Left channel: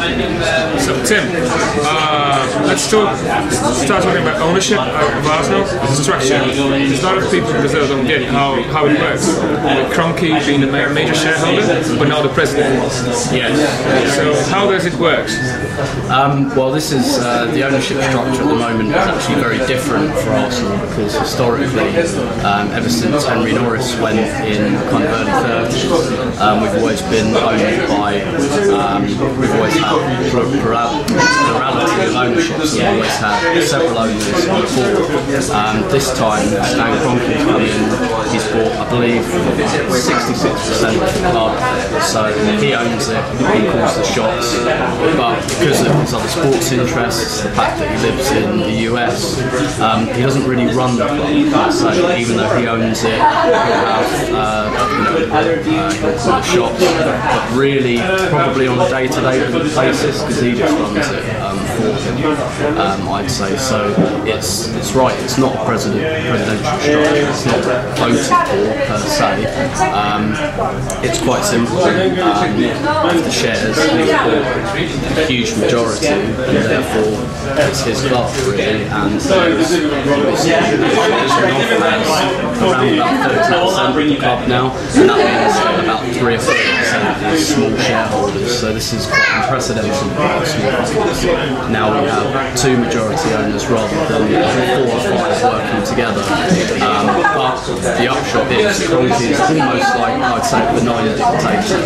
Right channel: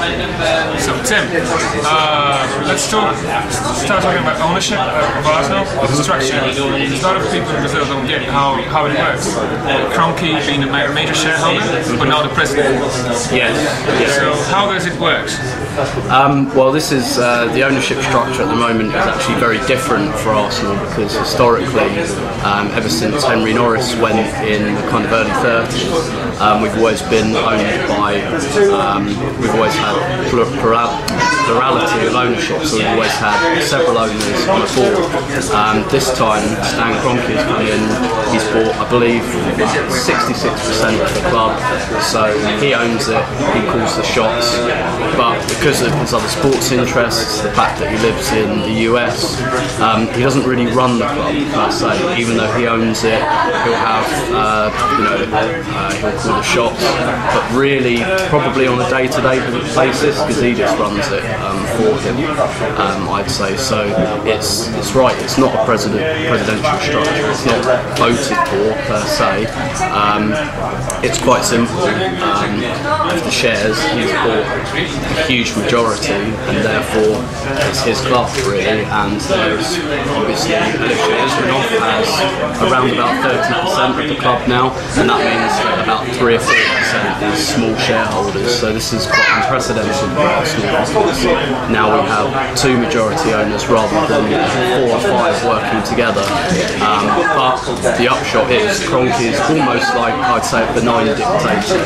So Tim, let's start talking about ownership of Arsenal, the structure. There's a lot of people in Brazil don't get how it works. Kroenke being a major shareholder, but now the president. Yes. So how does it work? Well, this is the ownership structure at the moment is actually very different for Arsenal because historically, ever since Henry Norris went in the kind of early 30s, we've always been owned by, we've always had plurality of ownership, so we've always had several owners on the board. This time, Stan Kroenke's come in, he's bought, I believe, 66% of the club, so he owns it, he calls the shots, but because of his other sports interests, the fact that he lives in the US, he doesn't really run the club per se. Even though he owns it, he'll have, he'll call the shots, but really, probably on a day-to-day basis, because he just runs it for him, I'd say. So it's right, it's not a presidential structure, it's not voted for per se. It's quite simple. Of the shares, he's bought a huge majority, and therefore it's his club really, and there's obviously Israel has around about 30% of the club now, and that means that about 3 or 4% is small shareholders, so this is quite unprecedented for Arsenal because now we have 2 majority owners rather than 4 or 5 working together. But the upshot is Kroenke is almost like, I'd say, a benign dictator,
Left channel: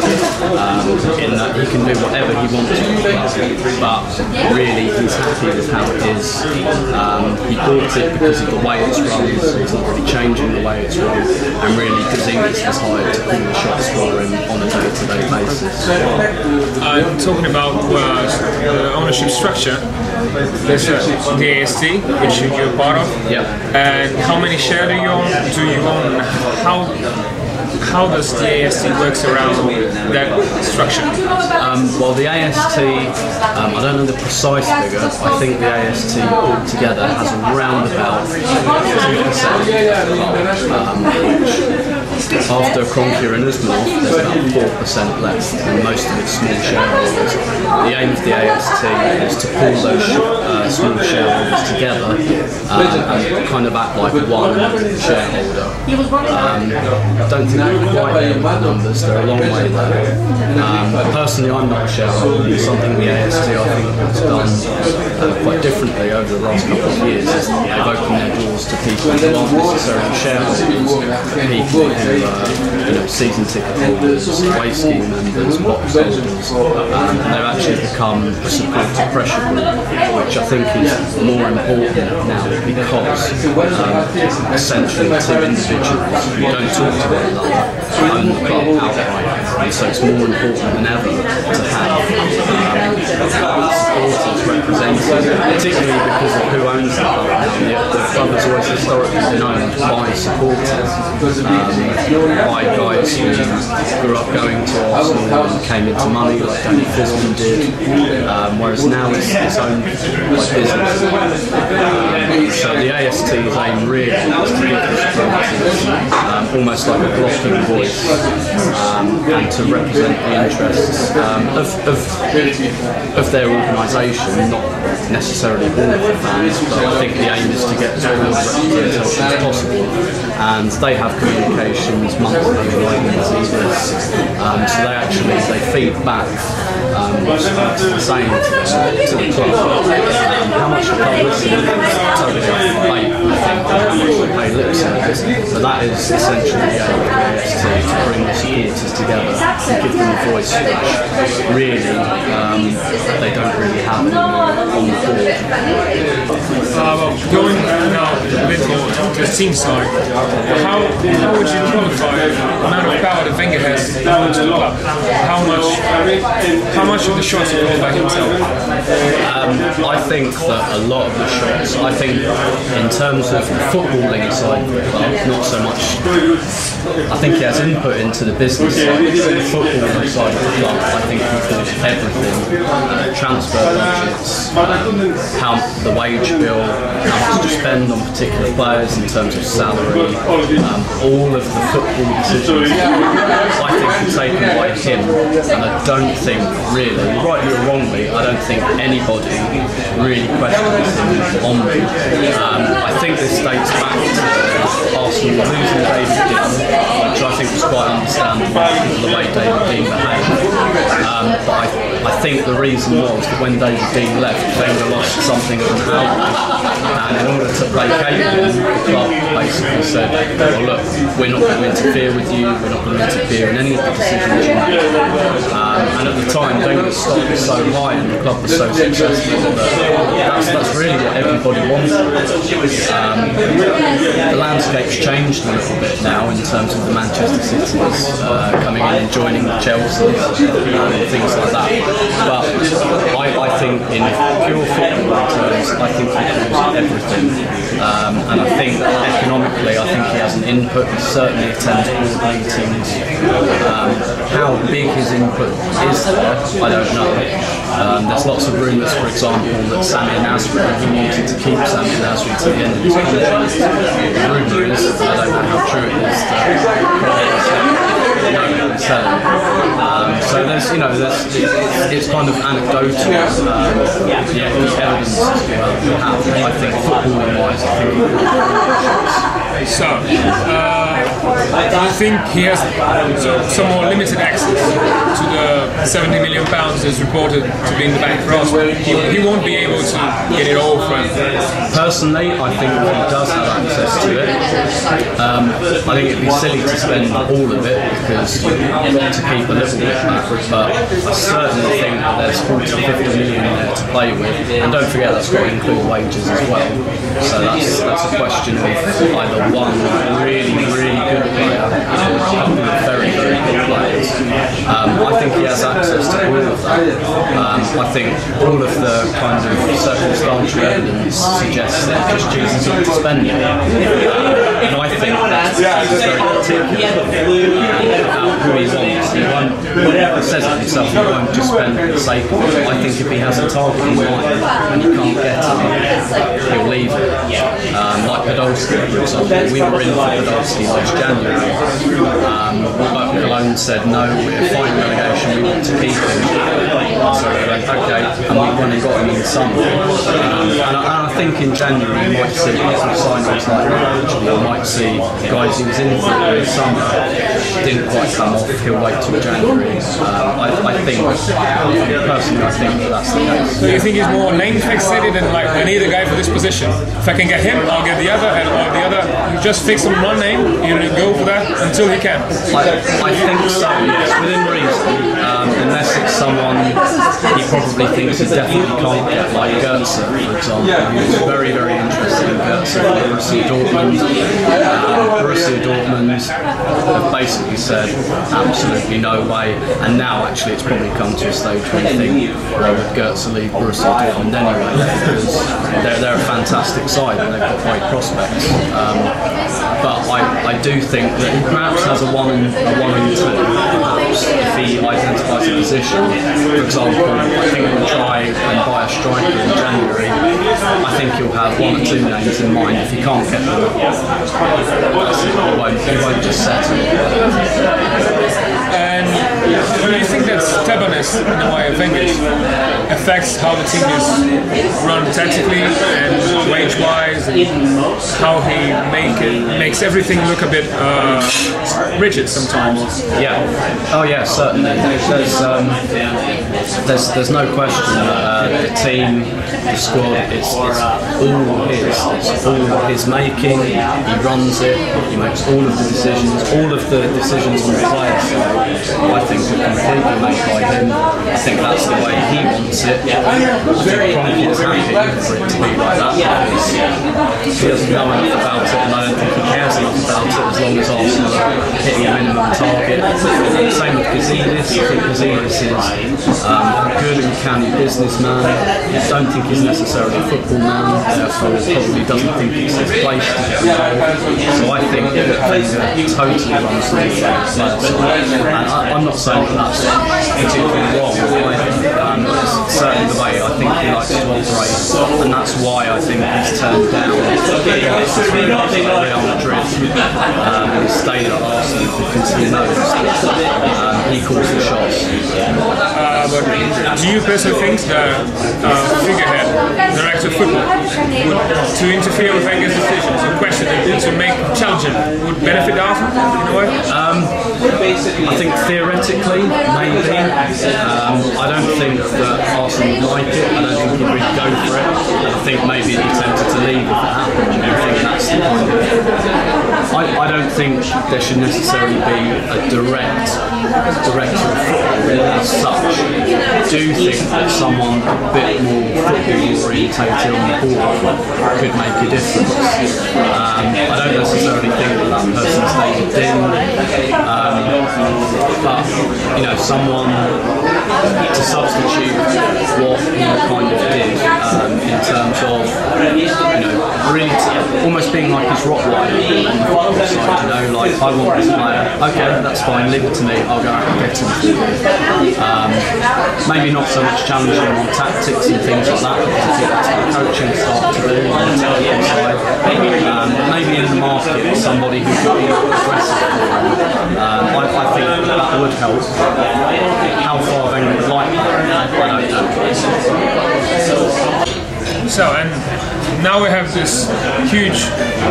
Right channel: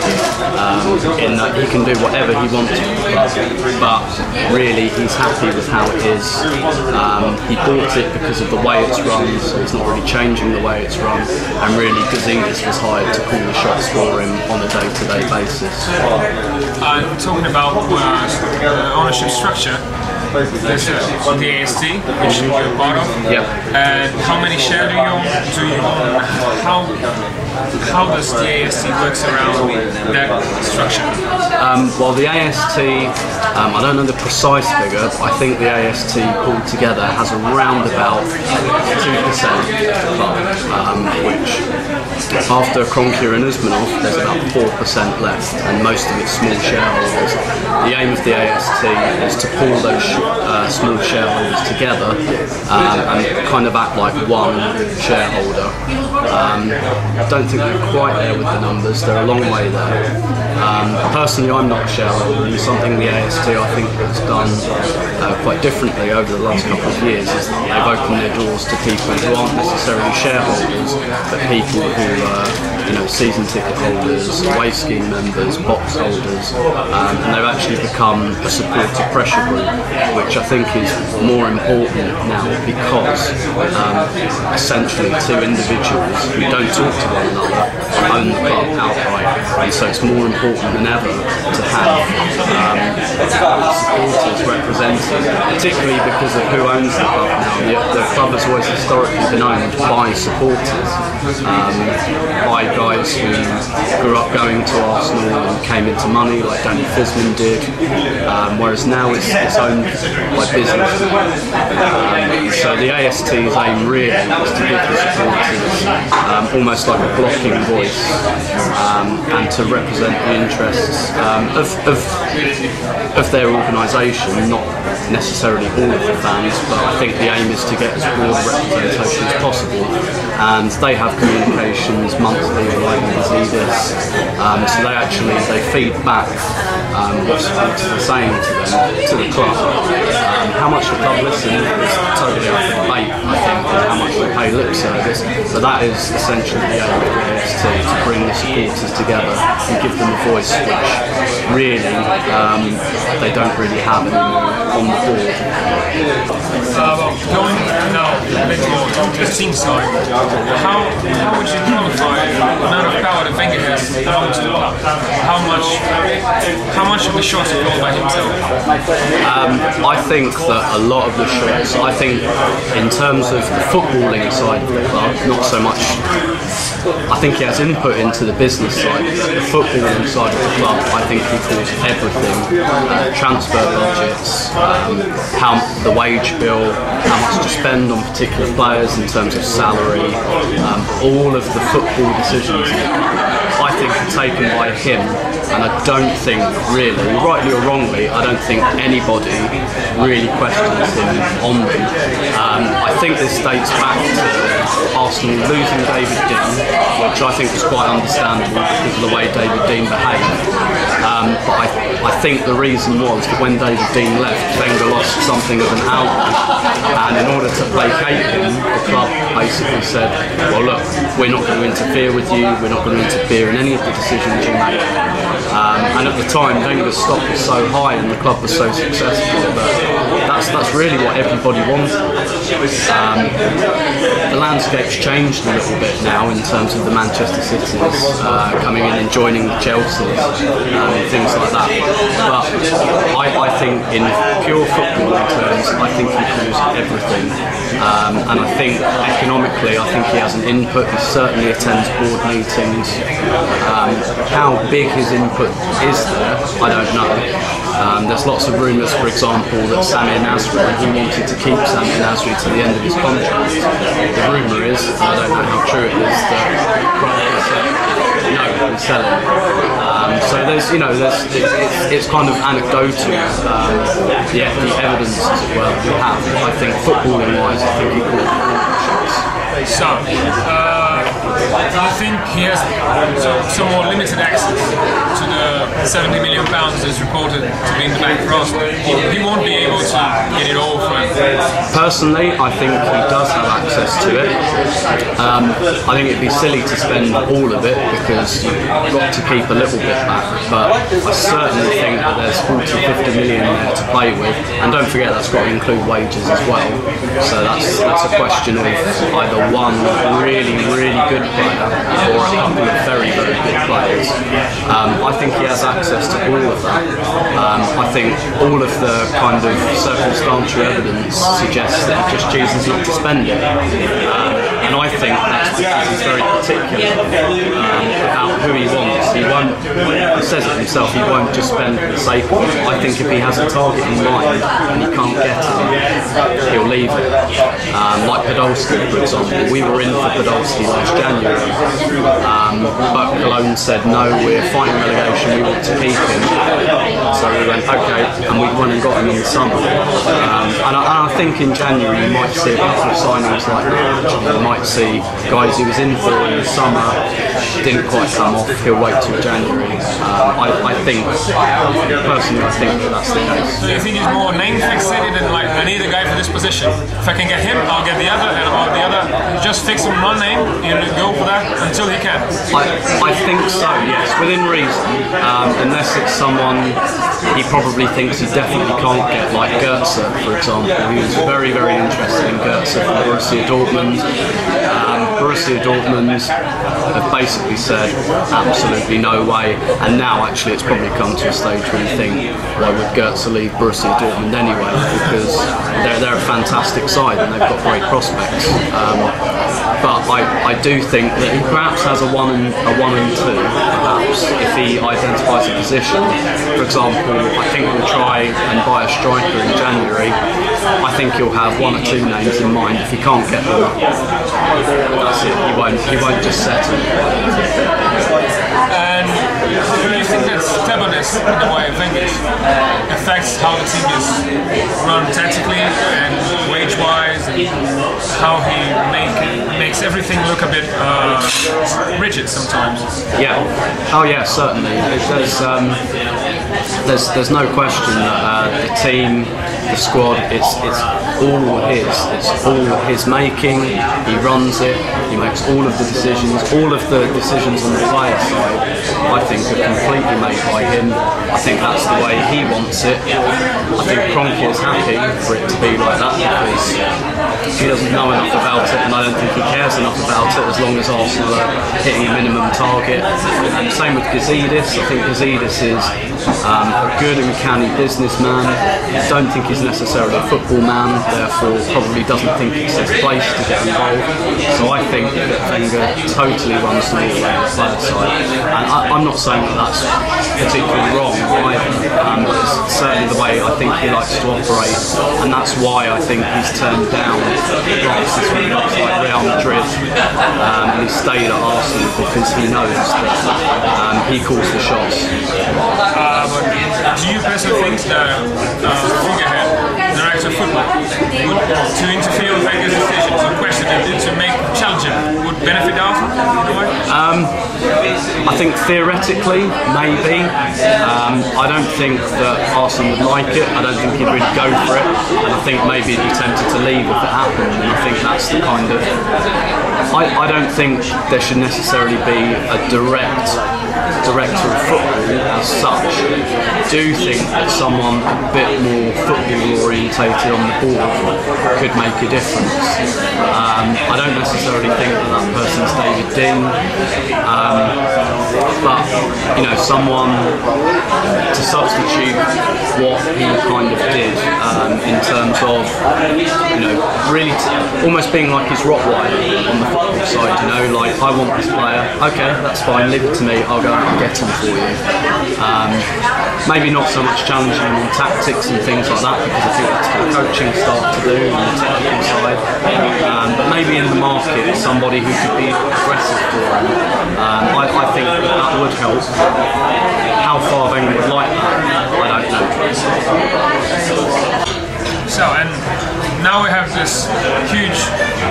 in that he can do whatever he wants with the club, but really he's happy with how it is. He bought it because of the way it's run, so he's not really changing the way it's run, and really Gazidis was hired to call the shots for him on a day-to-day basis. Talking about ownership structure, there's the AST, which you're part of. Yep. And how many shares do you own? How does the AST works around that structure? Well, the AST, I don't know the precise figure, but I think the AST altogether has around about 2% of the club, which after Kroenke and Usmanov, there's about 4% left, and most of it's small shareholders. The aim of the AST is to pull those small shareholders together and kind of act like one shareholder. I don't think they're quite there with the numbers, they're a long way there. Personally, I'm not a shareholder, and something the AST I think has done quite differently over the last couple of years is that they've opened their doors to people who aren't necessarily shareholders, but people who are season ticket holders, away scheme members, box holders, and they've actually become a supporter pressure group, which I think is more important now because essentially 2 individuals who don't talk to one another own the club outright, and so it's more important than ever to have supporters represented, particularly because of who owns the club now. The club has always historically been owned by supporters, by guys who grew up going to Arsenal and came into money like Danny Fisman did, whereas now it's owned by business. So the AST's aim really is to give the supporters almost like a blocking voice, and to represent the interests of their organisation, not necessarily all of the fans, but I think the aim is to get as broad representation as possible, and they have communications monthly with Gazidis, so they feed back what supporters are saying to the club. How much the club listen is totally up for debate, I think, and how much they pay lip service, but that is essentially the aim of the AST, to bring the supporters together and give them a voice which really they don't really have anymore on the board. Going now a bit more to the team side, how would you qualify the amount of power that Wenger has amongst the club? How much of the shots are called by himself? I think that a lot of the shots, I think in terms of the footballing side of the club, not so much. I think he has input into the business side. The footballing side of the club, I think he calls everything. Transfer budgets, how the wage bill, how much to spend on particular players in terms of salary, all of the football decisions, I think, are taken by him, and I don't think really, rightly or wrongly, I don't think anybody really questions him on them. I think this dates back to Arsenal losing David Dein, which I think was quite understandable because of the way David Dein behaved. But I think the reason was that when David Dein left, Wenger lost something of an outlet, and in order to placate him, the club basically said, well look, we're not going to interfere with you, we're not going to interfere in any of the decisions you make. And at the time, Wenger's stock was so high and the club was so successful that that's really what everybody wanted. The landscape's changed a little bit now in terms of the Manchester Cities coming in and joining the Chelseas and things like that. But I think in pure football terms, I think he calls everything. And I think economically, I think he has an input. He certainly attends board meetings. How big his input is there, I don't know. There's lots of rumours, for example, that Samir Nasri, he wanted to keep Samir Nasri to the end of his contract. The rumour is, I don't know how true it is, that Kroenke said no, and sell him. So it's kind of anecdotal. The evidence as well we have. I think footballing wise, I think he could have So, you think he has some more limited access to the £70 million that's reported to be in the bank for Arsenal? He won't be able to get it all from. Personally, I think he does have access to it. I think it'd be silly to spend all of it because you've got to keep a little bit back. But I certainly think that there's 40-50 million there to play with, and don't forget that's got to include wages as well. So that's a question of either one really good player or a couple of very good players. I think he has access to all of that. I think all of the kind of circumstantial evidence suggests that he just chooses not to spend it. And I think that's because he's very particular about who he wants. He says it himself, he won't just spend for the sake of it. I think if he has a target in mind and he can't get it, he'll leave it. Like Podolski, for example. We were in for Podolski last January, but Cologne said no, we're fighting relegation, we want to keep him. So we went okay, and we went and got him in the summer. And I think in January you might see a couple of signings like that. Actually, you might see guys he was in for in the summer, didn't quite come off, he'll wait till January. I think, personally, I think that's the case. So you think he's more name fixated and like, I need a guy for this position. If I can get him, I'll get the other, and or the other, you just fix him one name, you go for that until he can. I think so, yes, within reason. Unless it's someone he probably thinks he definitely can't get, like Goetze, for example. He was very, very interested in Goetze from Borussia Dortmund. Borussia Dortmund have basically said absolutely no way, and now actually it's probably come to a stage where you think, why would Goetze leave Borussia Dortmund anyway, because they're a fantastic side and they've got great prospects. But I do think that he perhaps has a one and two, perhaps, if he identifies a position. For example, I think we'll try and buy a striker in January. I think he'll have one or two names in mind. If he can't get them, that's it. He won't just settle. And do you think that stubbornness in the way of Wenger affects how the team is run tactically and wage-wise, and how he makes everything look a bit rigid sometimes? Yeah. Oh yeah, certainly. There's no question that the team, the squad, it's all his. It's all his making. He runs it. He makes all of the decisions. All of the decisions on the player side, I think, are completely made by him. I think that's the way he wants it. I think Kroenke is happy for it to be like that because he doesn't know enough about it, and I don't think he cares enough about it as long as Arsenal are hitting a minimum target. And same with Gazidis. I think Gazidis is a good and canny businessman. I don't think he's necessarily a football man, therefore probably doesn't think it's his place to get involved. So I think that Wenger totally runs the player side. And I'm not saying that that's particularly wrong. It's certainly the way I think he likes to operate, and that's why I think he's turned down crisis with Real Madrid, and he stayed at Arsenal because he knows that he calls the shots. But do you personally think the figurehead, the director of football, to interfere with Wenger's decisions or question it, to make challenging, would benefit Arsenal in a way? I think theoretically, maybe. I don't think that Arsenal would like it. I don't think he'd really go for it. And I think maybe he'd be tempted to leave if it happened. And I think that's the kind of... I don't think there should necessarily be a director of football as such. I do think that someone a bit more football orientated on the board could make a difference. I don't necessarily think that person's David Dean, but someone to substitute what he kind of did in terms of really almost being like his Rottweiler on the football side. Like, I want this player, okay, that's fine, leave it to me, I'll go out and get him for you. Maybe not so much challenging on tactics and things like that, because I think that's what coaching staff to do on the technical side. But maybe in the market, somebody who could be aggressive for him. I think that would help. How far Wenger would like that, I don't know. So, and now we have this huge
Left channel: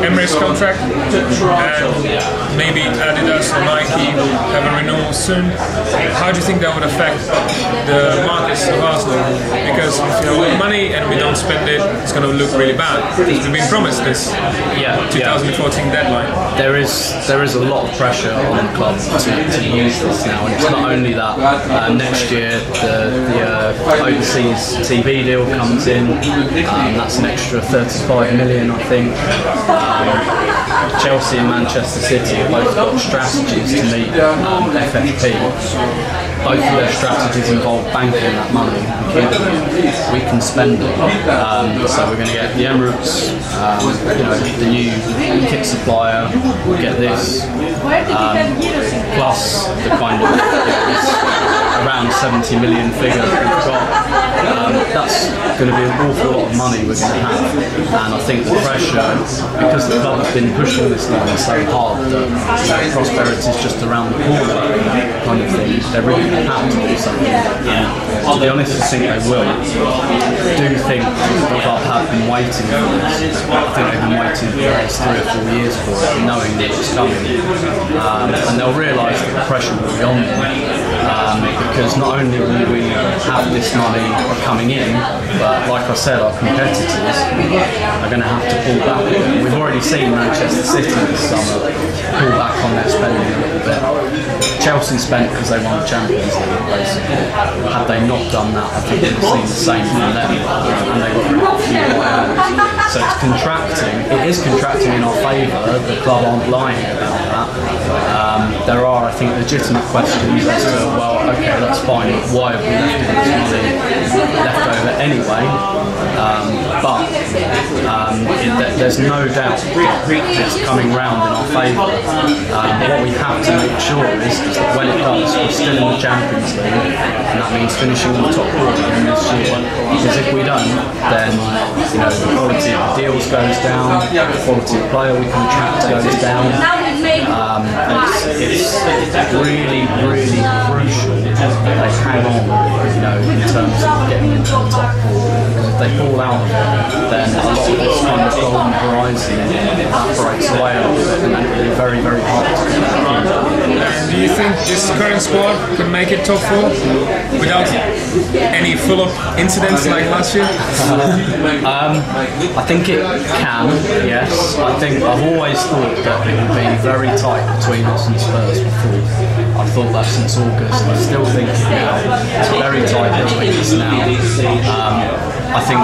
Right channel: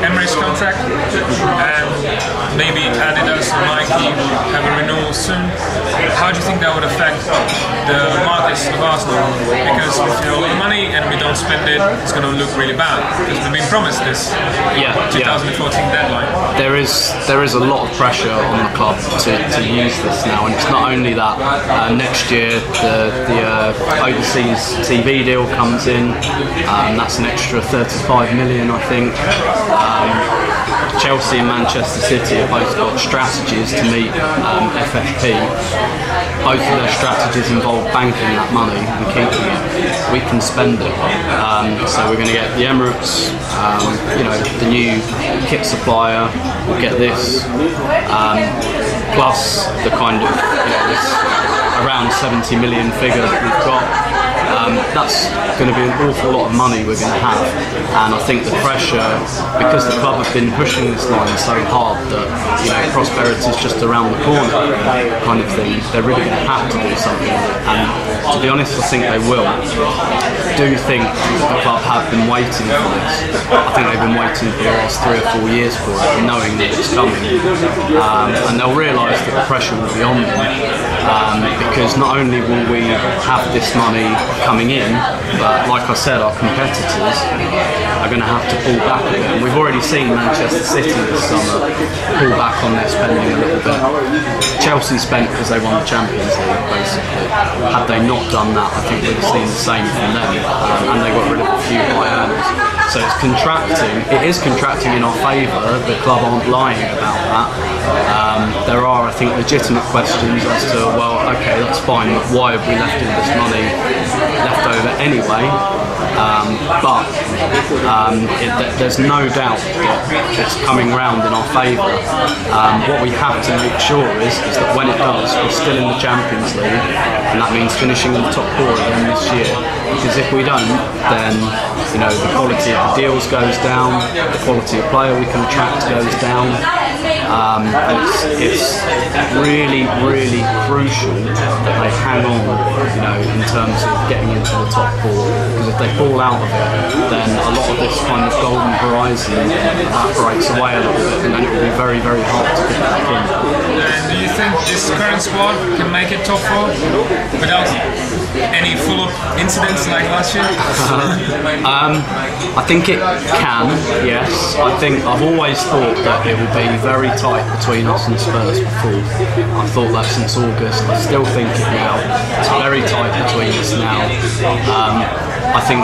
Emirates contract, and maybe Adidas or Nike will have a renewal soon. How do you think that would affect the markets of Arsenal? Because if you have a lot of money and we don't spend it, it's going to look really bad, because we've been promised this 2014 deadline. There is a lot of pressure on the club to use this now, and it's not only that. Next year the overseas TV deal comes in. That's an extra 35 million, I think. Chelsea and Manchester City have both got strategies to meet FFP. Both of their strategies involve banking that money and keeping it. We can spend it. So we're going to get the Emirates, the new kit supplier, we'll get this, plus the kind of this around 70 million figure that we've got. That's going to be an awful lot of money we're going to have, and I think the pressure, because the club have been pushing this line so hard that prosperity is just around the corner kind of thing, they're really going to have to do something. And to be honest, I think they will. I do think the club have been waiting for this. I think they've been waiting for the last 3 or 4 years for it, knowing that it's coming, and they'll realise that the pressure will be on them, because not only will we have this money coming in, but like I said, our competitors are going to have to pull back. We've already seen Manchester City this summer pull back on their spending a little bit. Chelsea spent because they won the Champions League, basically. Had they not done that, I think we'd have seen the same from them, and they got rid of a few buy-outs. So it's contracting. It is contracting in our favour. The club aren't lying about that. There are, I think, legitimate questions as to, well, okay, that's fine, but why have we left all this money left over anyway? But there's no doubt that it's coming round in our favour. What we have to make sure is that when it does, we're still in the Champions League, and that means finishing in the top 4 again this year. Because if we don't, then the quality of the deals goes down, the quality of player we can attract goes down. It's really, really crucial that they hang on, in terms of getting into the top 4. Because if they fall out of it, then a lot of this kind of golden horizon evaporates away a little bit, and then it will be very, very hard to get back in. And do you think this current squad can make it top 4 without any full-up incidents like last year? I think it can, yes. I think I've always thought that it will be very tight between us and Spurs before. I've thought that since August. I still think it now. It's very tight between us now. I think,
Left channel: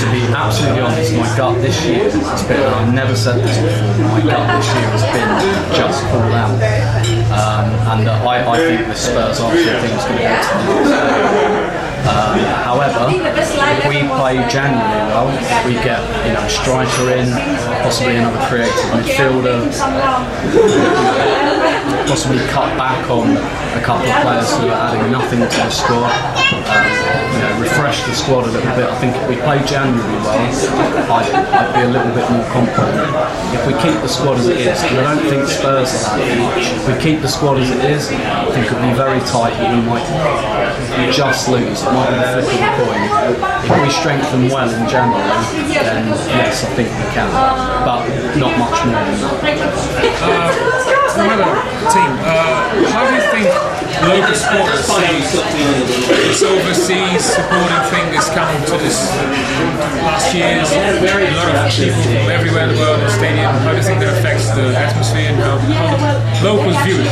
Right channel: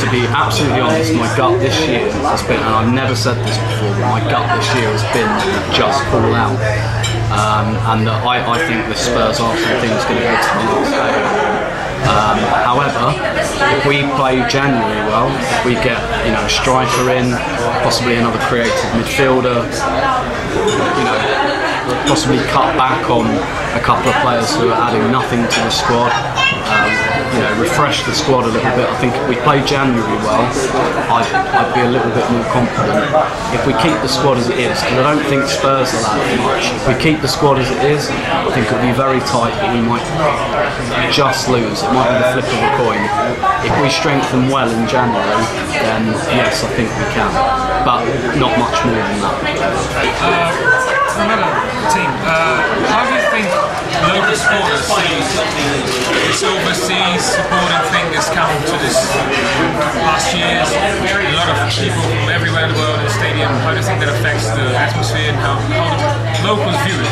to be absolutely honest, my gut this year has been, and I've never said this before, but my gut this year has been just fall out. And I think the Spurs Arsenal thing is going to go to the next stage. However, if we play January well, if we get a striker in, possibly another creative midfielder, possibly cut back on a couple of players who are adding nothing to the squad. Refresh the squad a little bit. I think if we play January well, I'd be a little bit more confident. If we keep the squad as it is, because I don't think Spurs are that much. If we keep the squad as it is, I think it'll be very tight, but we might just lose. It might be the flip of a coin. If we strengthen well in January, then yes, I think we can, but not much more than that. Another team. How do you think local supporters see this overseas supporting thing that's come to this last year's? A lot of people from everywhere in the world in the stadium. How do you think that affects the atmosphere and how do locals view it?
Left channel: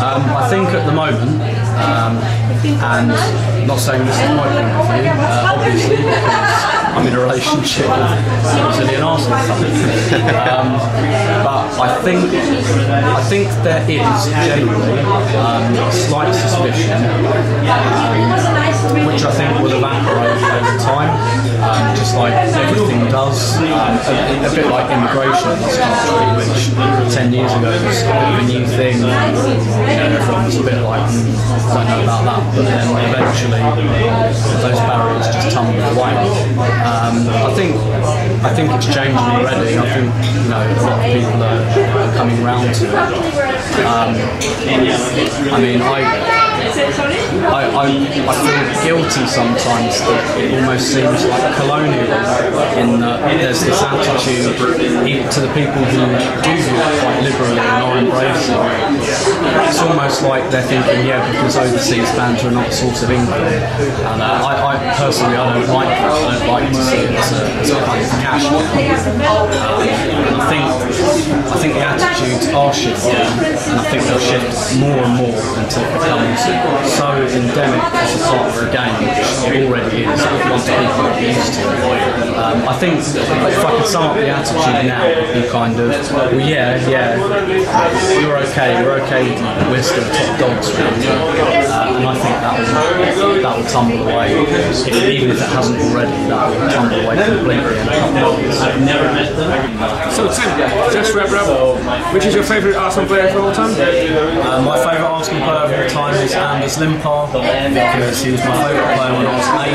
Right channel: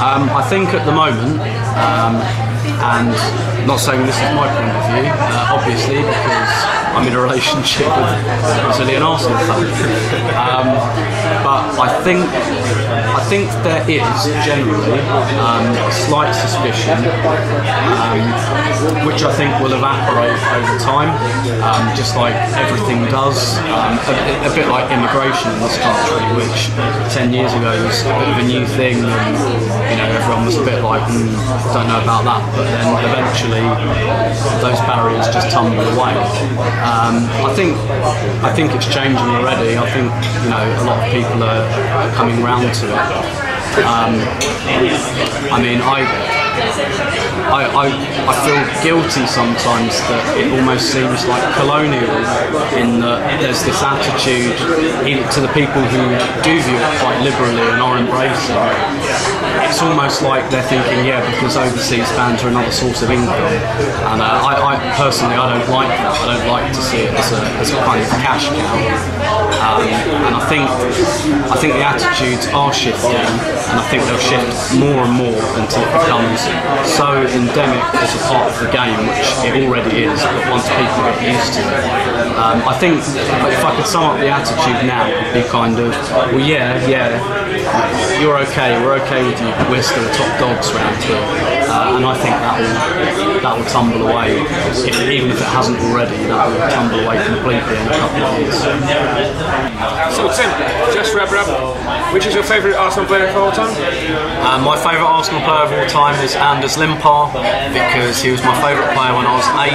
I think at the moment, and not saying this is my point of view, obviously, because I'm in a relationship with Brazilian Arsenal fans. But I think there is generally a slight suspicion, which I think will evaporate over time, just like everything does. A bit like immigration in this country, which 10 years ago was a bit of a new thing. Everyone was a bit like, don't know about that, but then eventually those barriers just tumble away. I think it's changing already. I think a lot of people are coming round to it. I feel guilty sometimes that it almost seems like colonial in that there's this attitude to the people who do view it quite liberally and are embracing it. It's almost like they're thinking, because overseas fans are another source of income. And I personally, I don't like that. I don't like to see it as a kind of cash cow. And I think the attitudes are shifting, and I think they'll shift more and more until it becomes so endemic as a part of the game, which it already is, but once people get used to it. I think if I could sum up the attitude now, it would be kind of, you're okay, we're okay with you, we're still top dogs around here. And I think that will tumble away, even if it hasn't already, that will tumble away completely in a couple of years. So Tim, just wrap it up, which is your favourite Arsenal player of all time? My favourite Arsenal player of all time is Anders Limpar, because he was my favourite player when I was 8,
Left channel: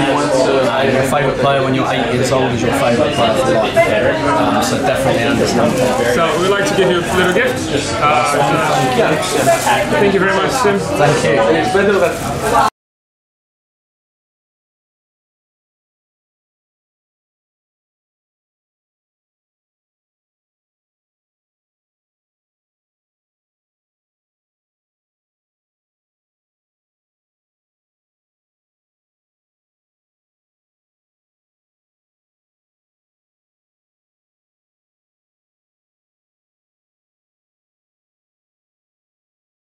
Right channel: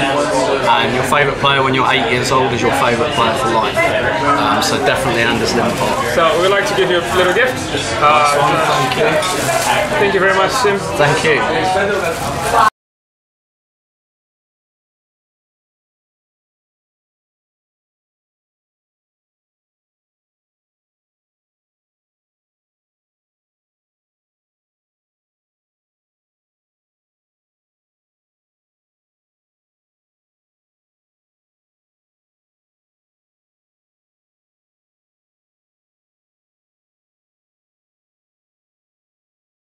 and your favourite player when you're 8 years old is your favourite player for life. So definitely Anders Limpar. So we'd like to give you a little gift. Thank you. Thank you very much, Tim. Thank you.